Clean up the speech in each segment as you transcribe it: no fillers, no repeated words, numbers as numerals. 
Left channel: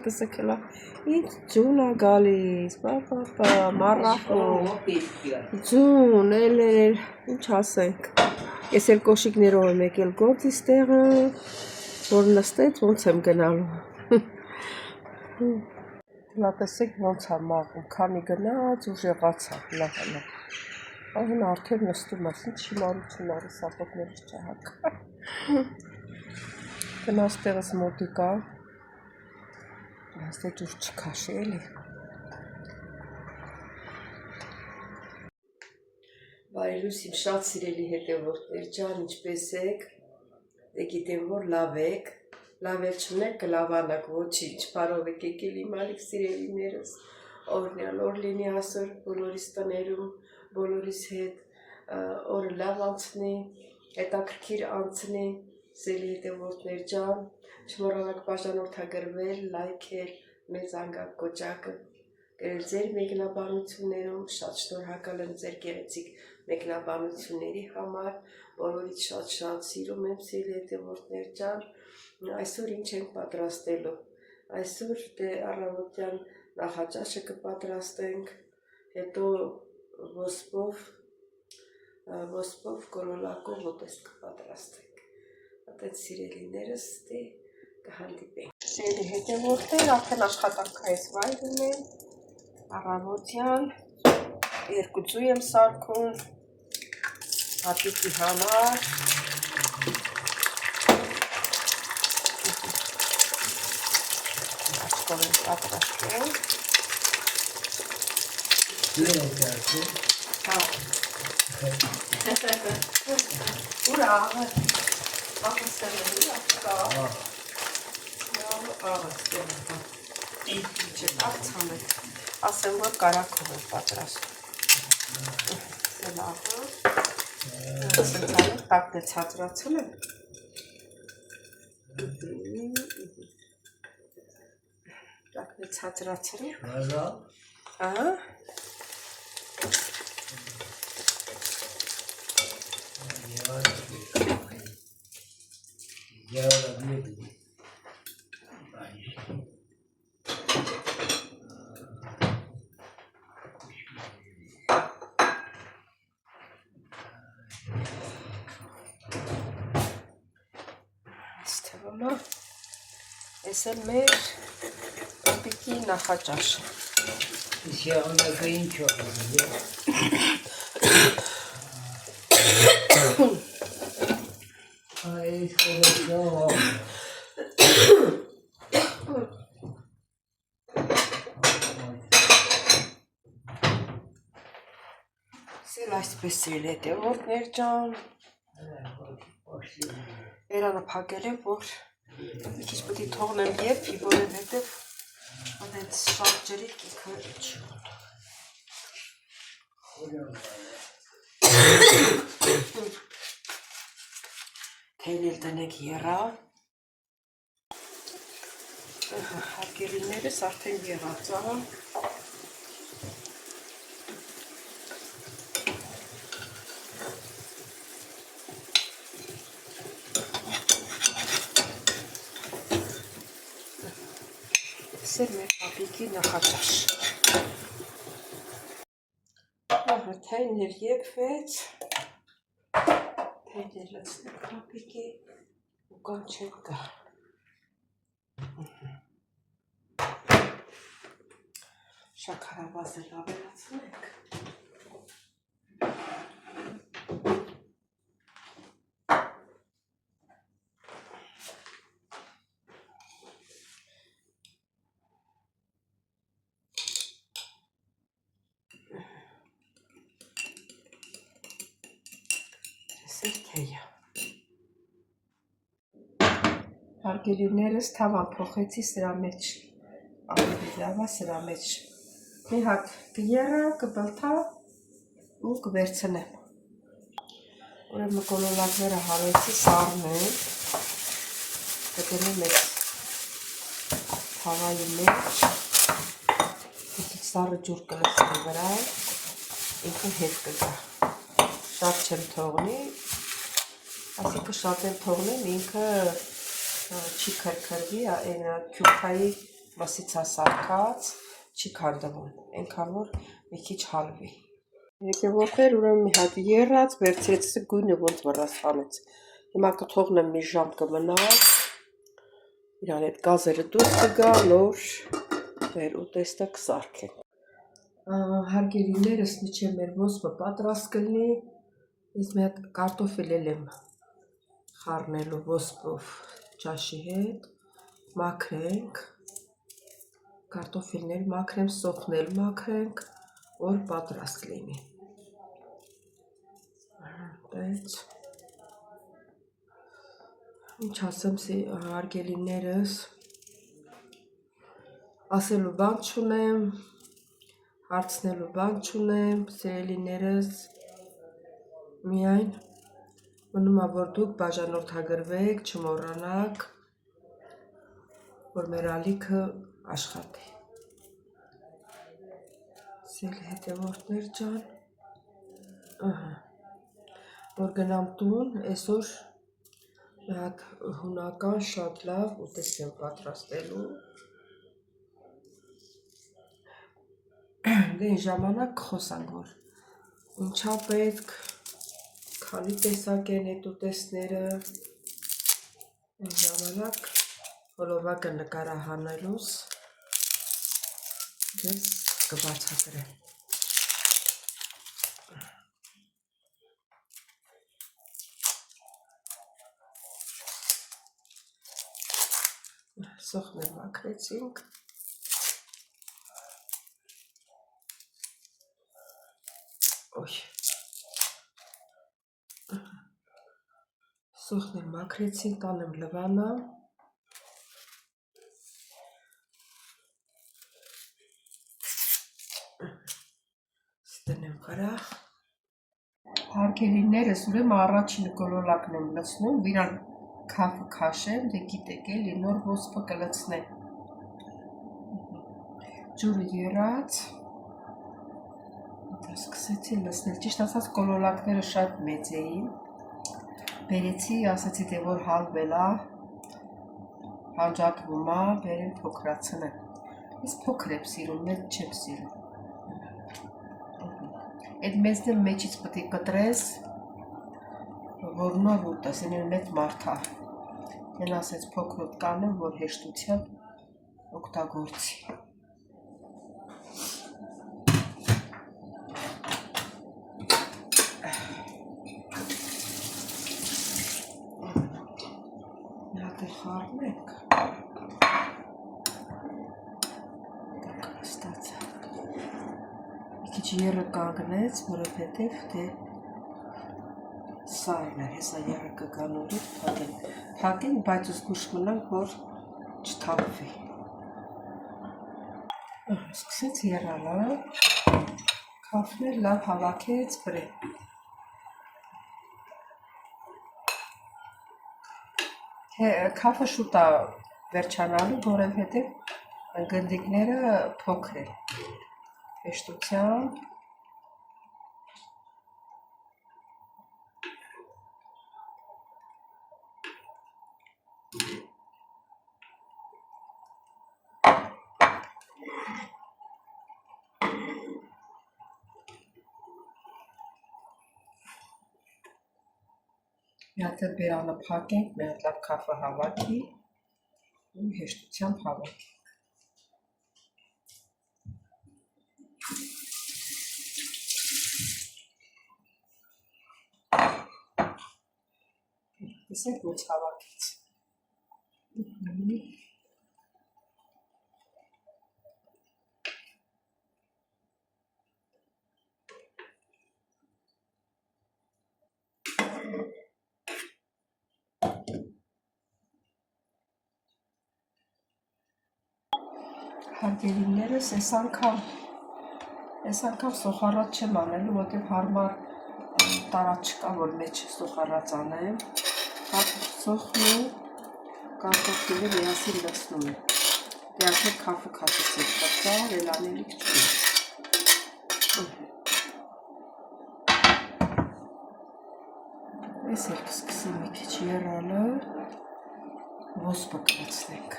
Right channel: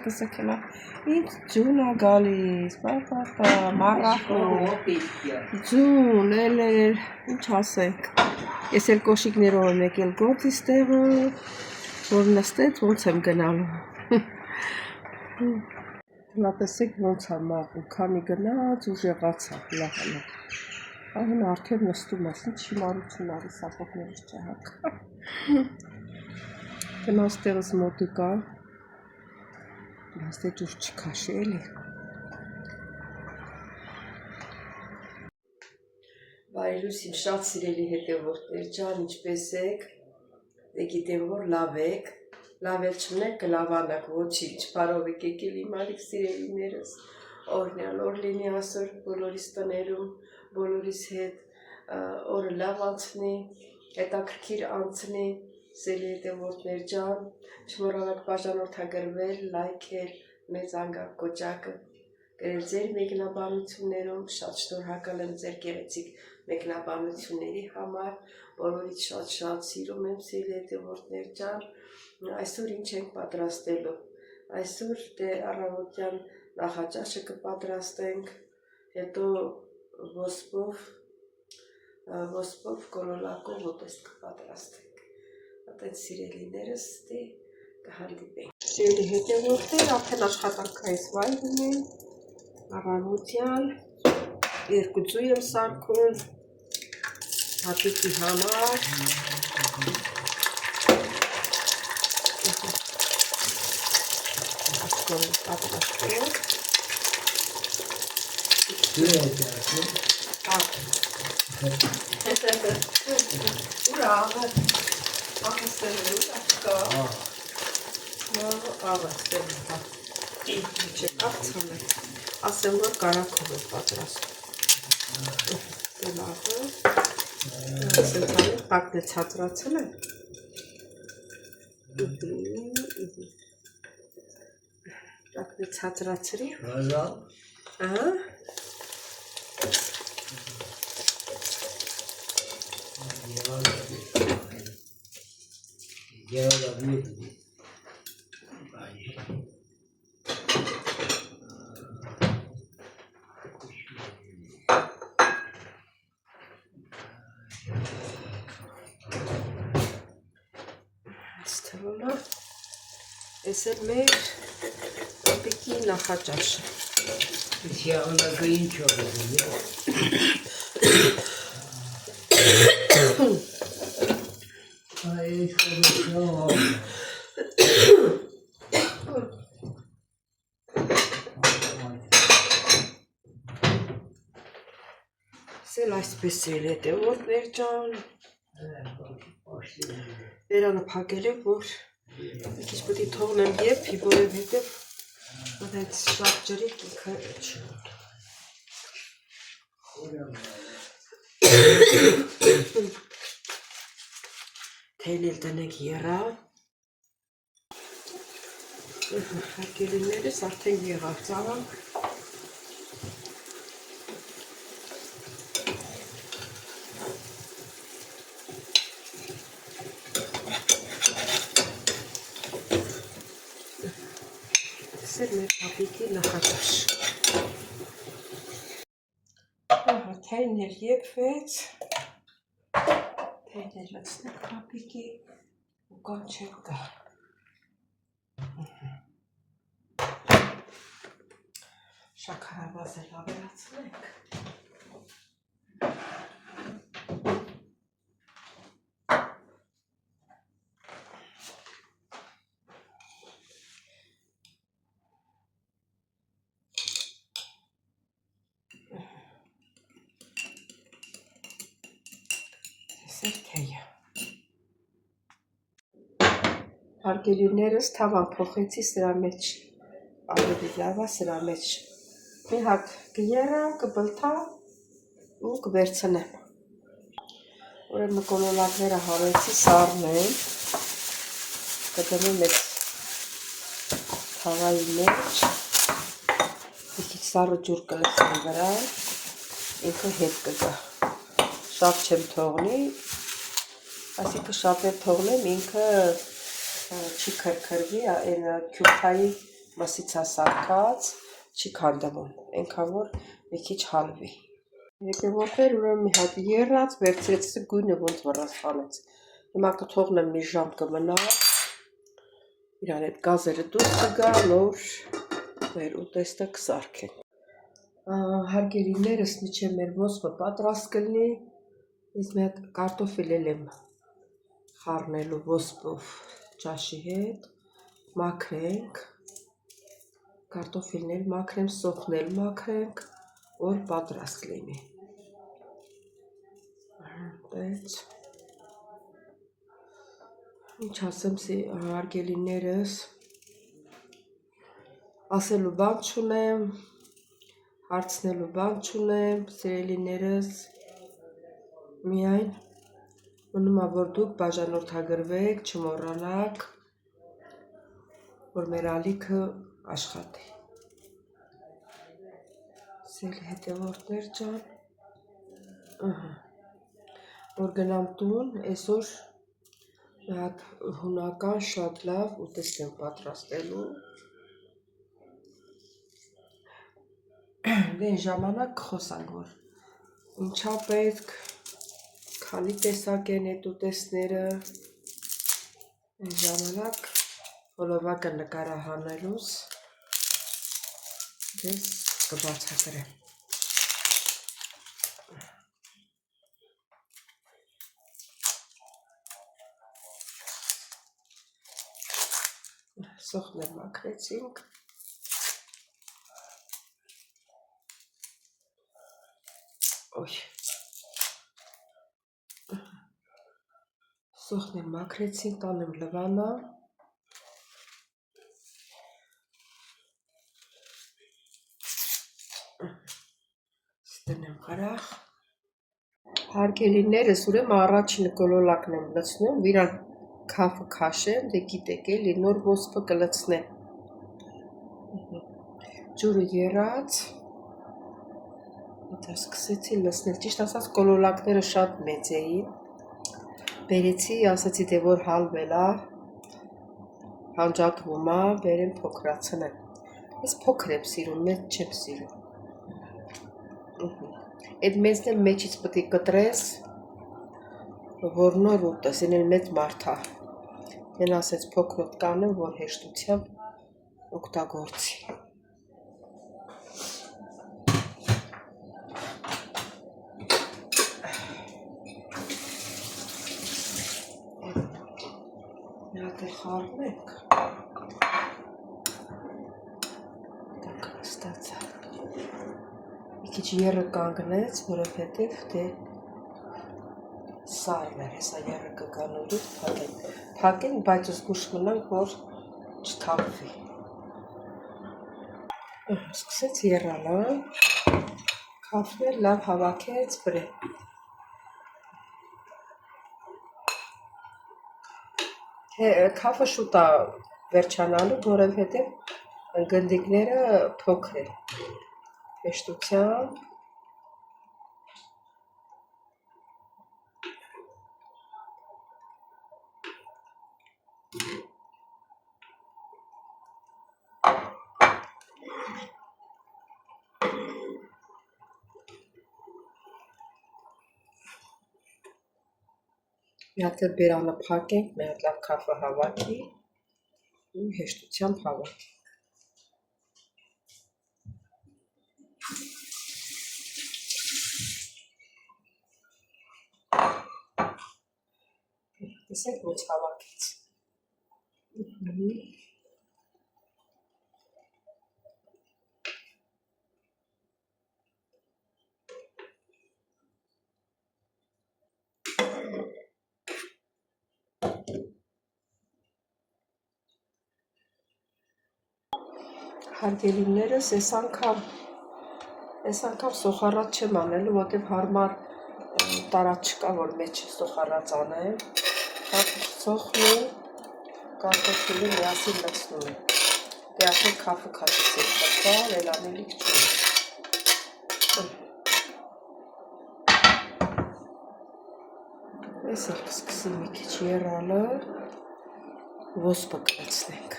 Տեսակելա ինձ ջուն ա գալիս, մարախոն, ջուն, ինչ ասենք, ես էլ կոշիկներով եմ եկել գործիս տեղը, որ նստեց ոնց եմ գնալու, հլա տեսեք ոնց ա մաղում, քանի գնաց ուժեղացա, հլա, այն արդեն նստում ես, ինչ հիմարություն արի սապոտներս չհակ, գնաց տեղս մոտիկա, Բայց դե ջուր չքաշի էլի Բարելույս իմ շատ սիրելի հետևորդներ ջան, ինչպես եք, դե գիտեմ որ լավ եք, լավ էլ չունեք կլավանակ, ոչինչ, բարով եք եկել իմ ալիք սիրելիներս, օրնյալ օր լինի ասոր բոլորիս տներում, բոլորիս հետ, օրը լավ անցնի, հետաքրքիր անցնի, սիրելի հետևորդներ ջան, չմոռանաք բաժանորդագրվել, լայքել, մեծ անգակ կոճակը, գրել ձեր մեկնաբանություններում, շատ շնորհակալ եմ ձեր գեղեցիկ մեկնաբանությունների համար, բոլորից շատ սիրում եմ սիրելի հետևորդներ ջան, այսօր ինչ ենք պատրաստելու, այսօր դե առավոտյան նախաճաշը կպատրաստենք, հետո ոսպով կորոլակով ոտես կպատրաստենք, այդեն սիրելիներս դե կհանդիպենք։ Սիրելի հետևորդներ, արդեն աշխատանքայից վայրում եմ, առավոտյան, երկու ձու եմ սարքում, հատիկի համար, աչքով եմ պատրաստում, ուր աղը, աղսել է, աղկա, ասեմ, որ կարակով եմ պատրաստում, սելաղը, սենցալին հակն է ծածրացել եմ, հակն է ծածրացել եմ, Ես էլ մեր պիկի նախաճաշը։ Իսկ եղանակը ինչ օրում է։ Այս խորոչով։ Սել այսպես էլ հետևորդներ ջան։ Երանը փակել է, որ մի քիչ պետք է թողնեմ եփի, որովհետև այդ շատ ջրիկ ինքը չի ուտում։ Թեյն էլ տնեք եռավ։ Հարկելիներս արդեն եղավ ծավալ։ Սեր մեր պապիկի նախաճաշ։ Թեյն էլ եփվեց։ Թեյն էլ լցնենք պապիկի ու կամ չենք գա։ Շաքարավազը լավերացնենք։ Թեյը։ Հարգելիներս թավան փոխեցի սրա մեջ, ավելի լավ է սրա մեջ, մի հատ կերա, կբլթա ու կվերցնեմ, ուրեմն կոլոլակները հարեցի սառնել, կդնեմ այդ թավայի մեջ, մի քիչ սառը ջուր կլցնեմ վրա, ինքը հետ կգա, շատ չեմ թողնի, այսինքն շատ էլ թողնեմ ինքը չի քրքրվի, այն քյուփայի մսիցա սարքած, չի քանդվում, այնքան որ մի քիչ հալվի։ Եկեղեցիներ ուրեմն մի հատ եռած, վերցրեցի գույնը ոնց վրասանեց։ Հիմա կթողնեմ մի ժամ կմնա, իրան այդ գազերը դուրս կգա, նոր մեր ուտեստը կսարքեն։ Հարգելիներս միջև մեր ոսպը պատրաստ կլինի, ես մի հատ կարտոֆիլ եմ խառնելու ոսպով ճաշի հետ, մաքրենք, կարտոֆիլներ մաքրեմ, սոխնել մաքրենք, որ պատրաստ լինի։ Այդպես։ Ինչ ասեմ հարգելիներս, ասելու բան չունեմ, հարցնելու բան չունեմ, սիրելիներս, միայն մնում է որ դուք բաժանորդագրվեք, չմոռանաք, որ մեր ալիքը աշխատի։ Սիրելի հետևորդներ ջան, որ գնամ տուն, այսօր մի հատ հունական շատ լավ ուտեստ եմ պատրաստելու։ Դե ժամանակ կխոսանք, որ ինչա պետք, քանի տեսակ են այդ ուտեստները, այն ժամանակ հոլովակը նկարահանելուց ես կբացատրեմ։ Սոխներ մաքրեցինք։ Սոխներ մաքրեցինք, տանեմ լվանը։ Ստենեմ խրախ։ Հարգելիներս ուրեմն առաջին գոլոլակն եմ լցնում, իրան քաֆը քաշեմ, դե գիտեք էլի, նոր ոսպը կլցնեմ։ Ջուրը եռած, դա սկսեցի լցնել, ճիշտ ասած գոլոլակները շատ մեծ էին, բերեցի, ասեցի դե որ հալվել է, հանջատվում է, բերեմ փոքրացնեմ, ես փոքր եմ սիրում, մեծ չեմ սիրում, այդ մեծն էլ մեջից պետք է կտրես, որ նոր ուտես, այն էլ մեծ մարդ է, են ասեց փոքրոտ կանեմ, որ հեշտությամբ օգտագործի։ Խառնենք, մի քիչ եռը կանգնեց, որովհետև դե սարն էր, հեսա եռը կգանու դուր փակեն, բայց զգուշ մնանք, որ չթափվի։ Սկսեց եռալը, քաֆներ լավ հավաքեց բրեն։ Քաֆը շուտ է վերջանալու, որովհետև գնդիկները փոքր են, հեշտությամբ, մի հատ բերանը փակենք, մի հատ լավ քաֆը հավաքի ու հեշտությամբ հավաքի։ Տեսեք ոնց հավաքեց։ Հարգելիներս, այս անգամ սոխառած չեմ անելու, որտև հարմար տարած չկա, որ մեջ սոխառած անեմ, սոխնում, կարտոֆիլը միասին լցնում եմ, դե ասել քաֆը քաշեցեք, դա էլ անելիք չունի։ Այս էլ կսկսեմ մի քիչ եռալը, ոսպը կլցնենք։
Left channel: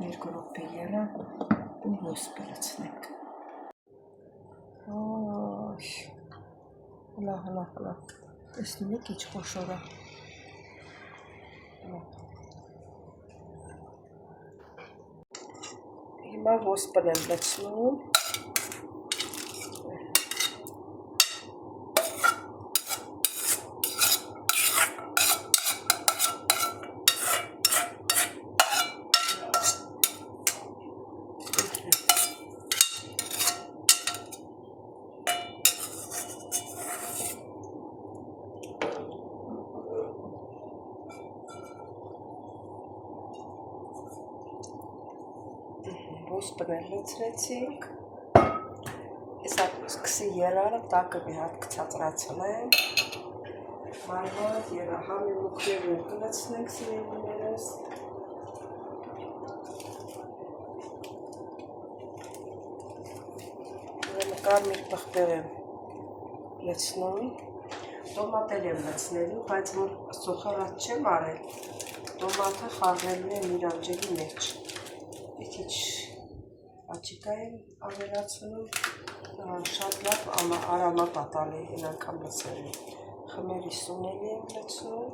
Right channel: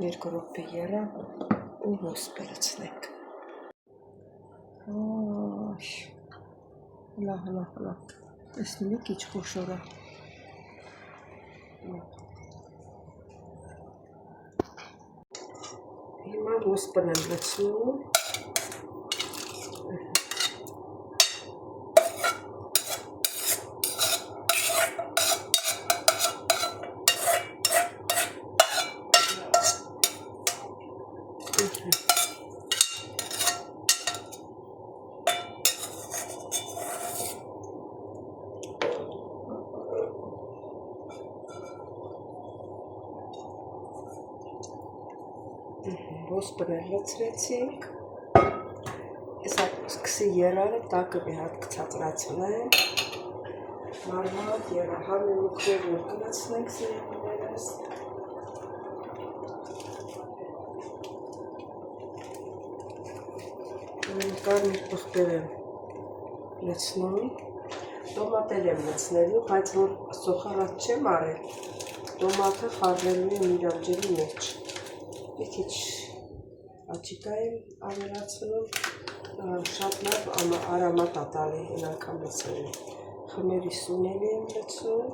Երկու րոպե եռա ու ոսպը լցնենք։ Հլա։ Տեսնում եք ինչ խոշոր է։ Հիմա ոսպն եմ լցնում։ Ոսպն էլ լցրեցինք։ Հեսա սկսի երարը տակը մի հատ կցածրացնենք։ Մարմատ երա համեմուքներն ու կլացնենք սիրելիներս։ Կարմիր պղպեղ եմ լցնում։ Տոմատել եմ լցնելու, բայց որ սոխարած չեմ արել, տոմատը խառնելու եմ իրանջելի մեջ։ Մի քիչ աչիկա եմ ավելացնում, շատ լավ արամատ է տալի այն անգամ լցնելու։ Խմերի սունելի եմ լցնում։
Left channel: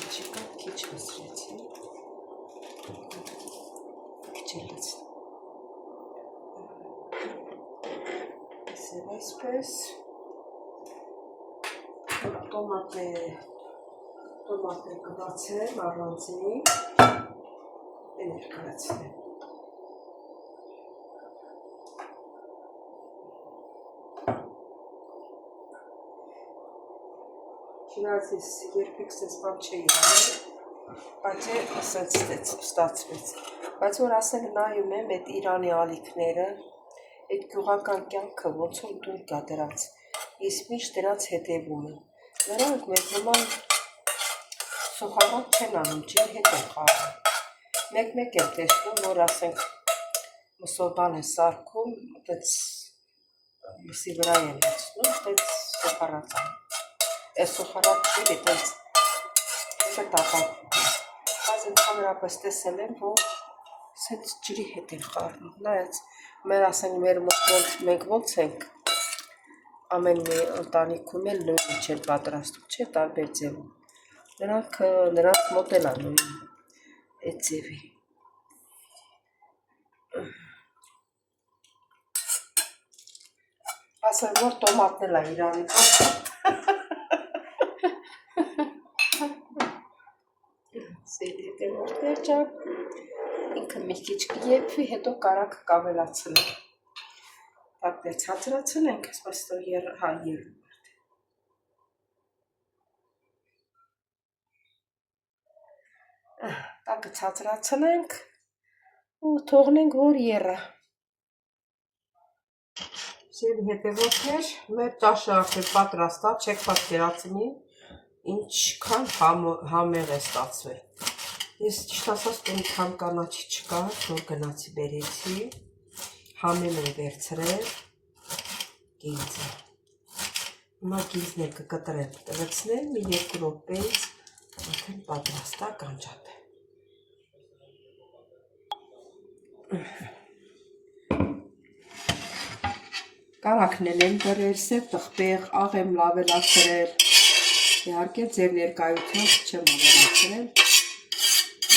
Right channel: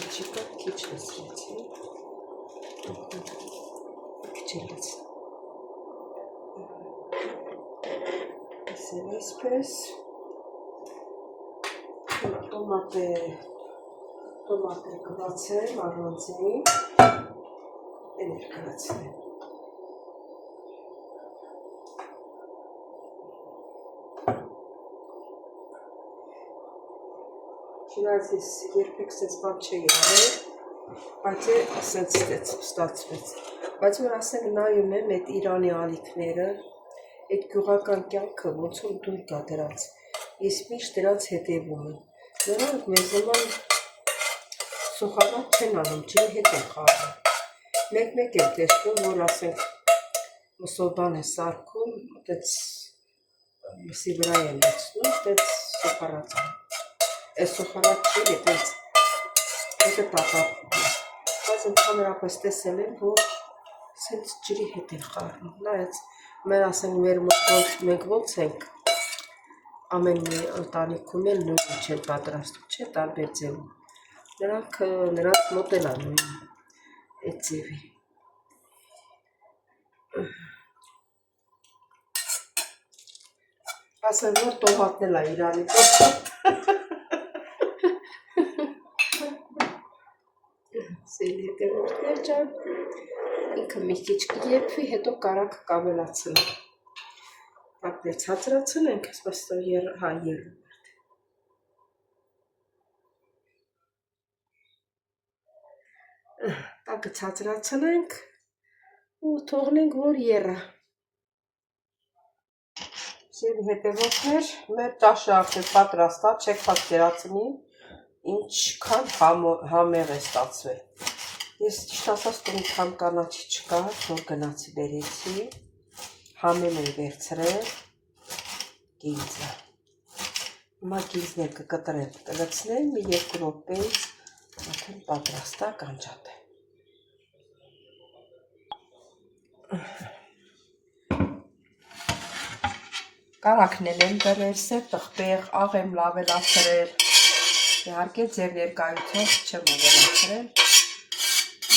Աչիկա քիչ լցրեցի։ Քիչ եմ լցնում։ Այսպես տոմատը կլացեմ առանձին, էներ կլացնեմ։ Չնայած ես երբեք սենց բան չէի արել, բայց սենց ստացվեց։ Բայց որ ասենք նայում եմ այդ Իրանի ալիքները, այդ գյուղական կյանքը ոնց որ դուր կա դրանց, ես միշտ դրանց հետևում եմ։ Նրանք մեզ նման սոխարած չեն անում, ջրի հետ են խառնում։ Մեկ-մեկ եմ տեսնում, որ ասենք մսոբան է սարքում, այդպես մսի վրա են լցնում, այդպես սոխարած անում։ Այս սոխարած չի, այդպես հետը տապապում է։ Բայց ընդհանրապես տեսել եմ, որ սենց ջրի հետ են խառնում։ Նայած մեր ասենք մեր մոտ մենք ոնց ենք ամեն մի ընտանիքում էլ նույնը չեն պատրաստում, չէ, տարբեր ձևում։ Նրանց մոտ են անում այդ ձևի։ Ասեմ, որ տոմատն էլ է իրանի պես։ Սիրելի հետևորդներ ջան, ինքը մի քիչ կեփվի, հետո կարակ կավելացնենք։ Տակը ցածրացնենք, այսպես երում։ Տակը ցածրացնենք ու թողնենք, որ եռա։ Սիրելի հետևորդներ, մեր ճաշը արդեն պատրաստ է, չեք պատկերացնի, ինչքան համեղ է ստացվել։ Ես ճիշտ ասած մի քան կանաչի չկա, որ գնացի բերեցի, համեն եմ վերցրել գինձը։ Հիմա գինձներ կկտրեմ, կլցնեմ, մի 2 րոպեից արդեն պատրաստ է կանջատեմ։ Կարակն եմ դրել, սև պղպեղ, աղ եմ ավելացրել։ Իհարկե ձեր ներկայությամբ չեմ ավելացրել։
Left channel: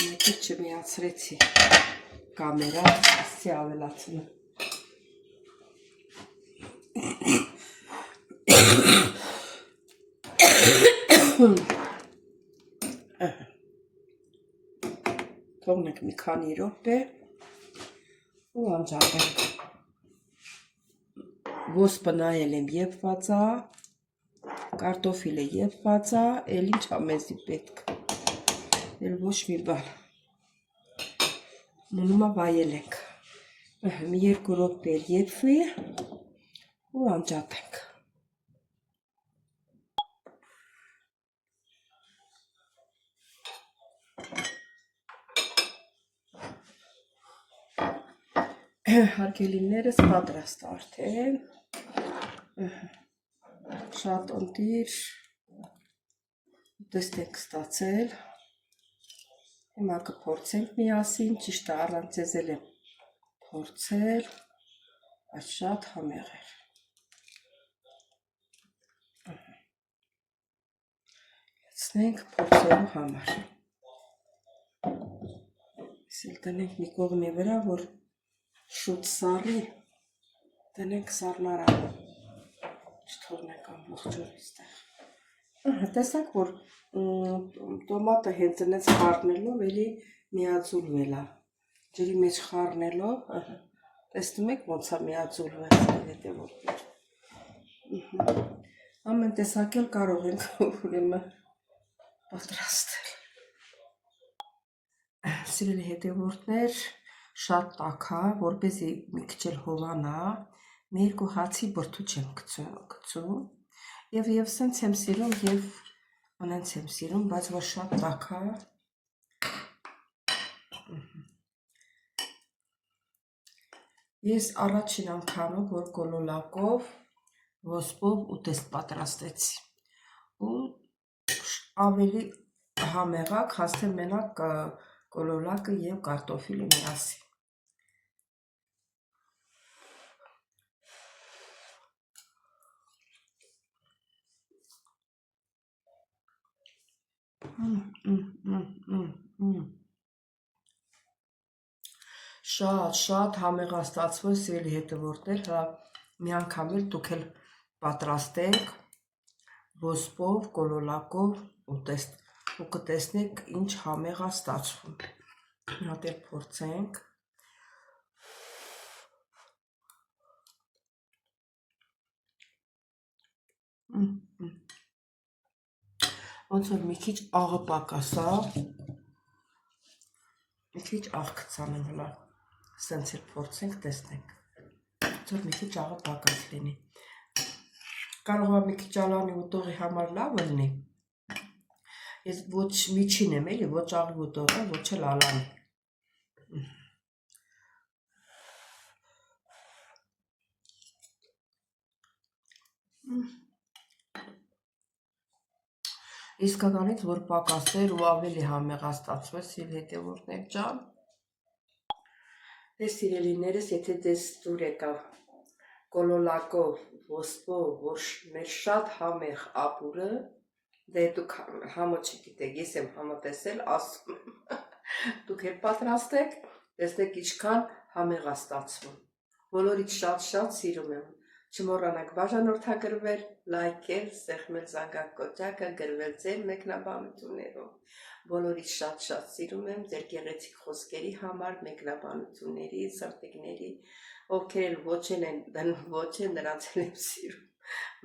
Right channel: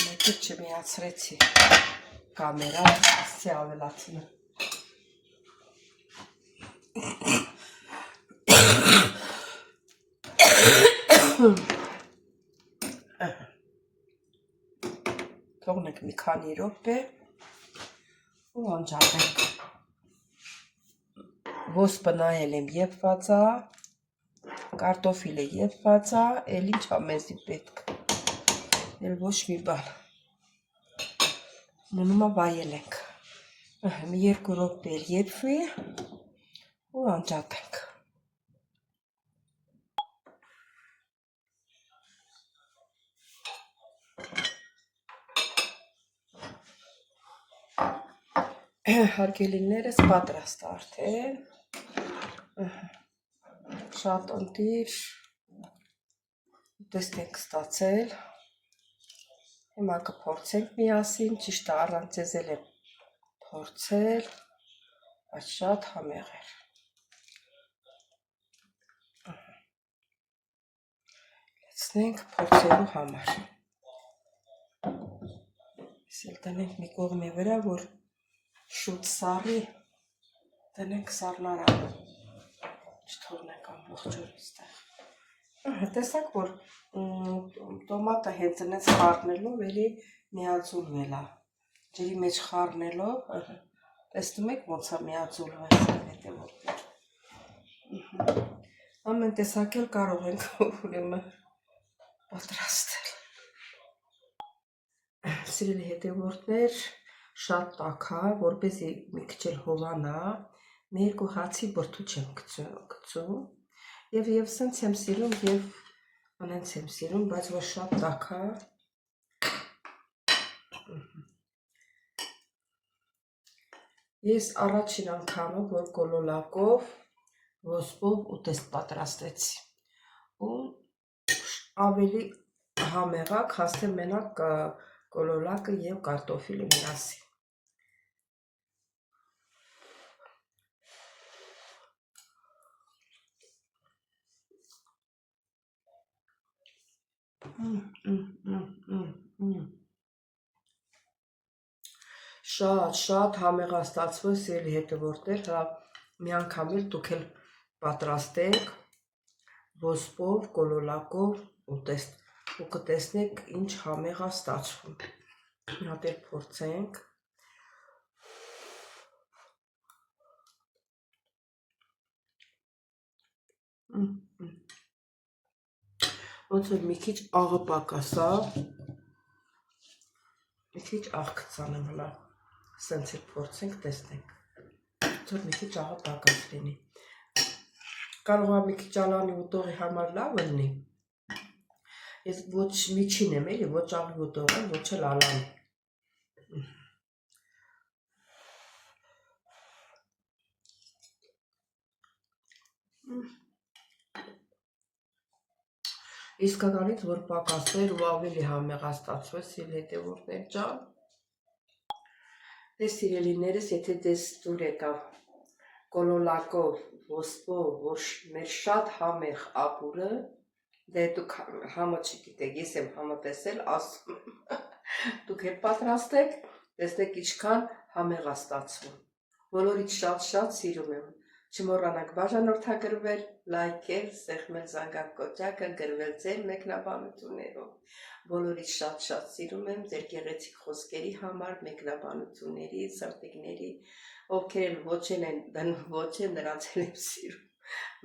Մի քիչ չմիացրեցի կամերա, ասի ավելացնում։ Թողնենք մի քանի րոպե ու անջատենք։ Ոսպը նայել եմ եփված է, կարտոֆիլը եփված է, էլ ինչ է մեզի պետք։ Էլ ոչ մի բան։ Մնում է վայելենք։ Մի 2 րոպե եփվի ու անջատենք։ Հարգելիներս պատրաստ է արդեն։ Շատ ընտիր, տեսնեք ստացել, Հիմա կփորձենք միասին, ճիշտ է առանց ձեզել եմ փորձել, բայց շատ համեղ էր։ Լցնենք փորձելու համար։ Իսել տնենք մի կողմի վրա, որ շուտ սառի, տնենք սառնարանը, չթողնենք ամբողջով այստեղ։ Տեսակ, որ տոմատը հեծնեց խառնելով, էլի միաձուլվել է։ Ջրի մեջ խառնելով, տեսնում եք ոնց է միաձուլվել հետևորդներ։ Ամեն տեսակ էլ կարող ենք ուրեմն պատրաստել։ Սիրելի հետևորդներ, շատ տաք է, որպեսզի մի քիչ էլ հովանա, մի երկու հացի բրդուճ եմ գցում, եւ սենց եմ սիրում, եւ անենց եմ սիրում, բայց որ շատ տաք է։ Ես առաջին անգամը, որ կոլոլակով, ոսպով ուտեստ պատրաստեցի, ու ավելի համեղակ, հաստե մենակ կոլոլակը եւ կարտոֆիլը միասին։ Շատ համեղաստացվել, սիրելի հետևորդներ, հա մի անգամ էլ դուք էլ պատրաստեք ոսպով, կոլոլակով ուտեստ, ու կտեսնեք ինչ համեղ է ստացվում։ Մի հատ էլ փորձենք։ Ոնց որ մի քիչ աղը պակասա, մի քիչ աղ գցանեմ հլա, սենց էլ փորձենք, տեսնենք, ոնց որ մի քիչ աղը պակաս լինի։ Կարող է մի քիչ ալանի ուտողի համար լավ լինի։ Ես ոչ միջին եմ էլի, ոչ աղի ուտող եմ, ոչ էլ ալանի։ Իսկականից, որ պակասեր ու ավելի համեղաստացվեց, սիրելի հետևորդներ ջան։ Դե սիրելիներս, եթե դες դուր եկավ կոլոլակով, ոսպով, որ մեր շատ համեղ ապուրը, դե դուք համը չգիտեք, ես եմ համը տեսել, ասում եմ, դուք էլ պատրաստեք, տեսնեք ինչքան համեղաստացվում։ Բոլորից շատ սիրում եմ։ Չմոռանաք բաժանորդագրվել, լայքել, սեղմել զանգակոճակը, գրվել ձեր մեկնաբանություններով։ Բոլորից շատ սիրում եմ ձեր գեղեցիկ խոսքերի համար, մեկնաբանությունների, սրտիկների, ովքեր էլ ոչ են նրանց էլ եմ սիրում։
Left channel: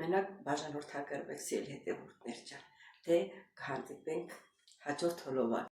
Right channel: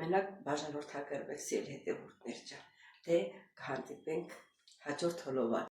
Մենակ բաժանորդագրվեք, սիրելի հետևորդներ ջան։ Դե կհանդիպենք հաջորդ հոլովակ։